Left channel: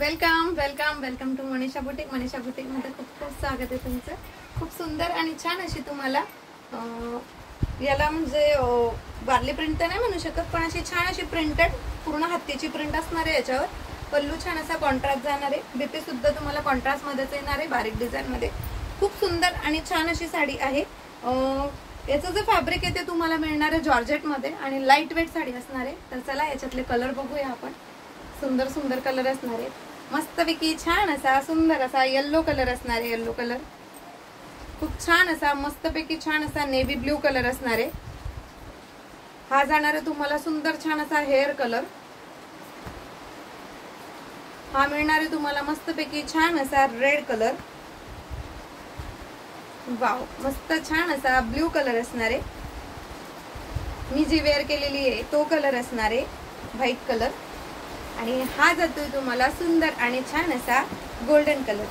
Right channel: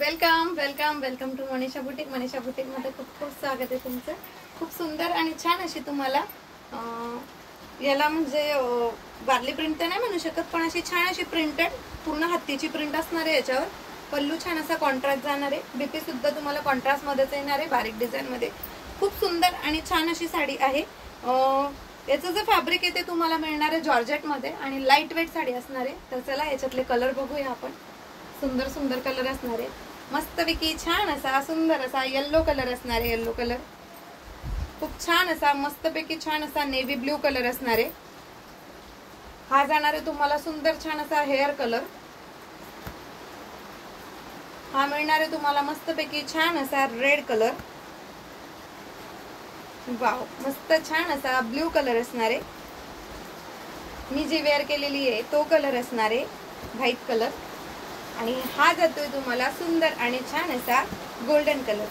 Welcome welcome welcome to Manisha boutique. Manisha boutique मध्ये खूप खूप स्वागत आहे तुमचं. खूप सुंदर आणि छान अशी तुम्हाला याला म्हणजे वारली प्रिंट तर नाही म्हणू शकत, पण अशी छान अशी प्रिंटेड पूर्ण हत्तीची प्रिंट असणार आहे. याच्यावर पल्लू छान असा कॉन्ट्रास्ट जाणार आहे. बीपी सुद्धा तुम्हाला कॉन्ट्रास्ट मध्येच येणार आहे, बारीक डिझाइन मध्ये. खूप सुंदर आणि छान अशी साडी आहे. याचं जे फॅब्रिक आहे ते तुम्हाला मिळणार आहे जॉर्जेट मध्ये आणि लाईट वेट साडी असणार आहे. तर चला याच्यातले कलर बघूया आपण. सुंदर सुंदर कलर असणार आहे. मस्तपैकी छान असा सुंदर असा येलो कलर असणार आहे. येलो कलर खूप छान असा मस्तपैकी छान असा नेव्ही ब्ल्यू कलर असणार आहे. हा जाणार आहे तुम्हाला सुंदर छान असा हेअर कलर. हा मिळणार आहे तुम्हाला मस्तपैकी छान असा रेड कलर. वाव, मस्त छान असा ब्ल्यू कलर असणार आहे. मी जी वेअर केलेली आहे तो कलर असणार आहे व्हाईट कलर. आणि हा जातोय तुम्हाला सुंदर आणि छान असा गोल्डन कलर.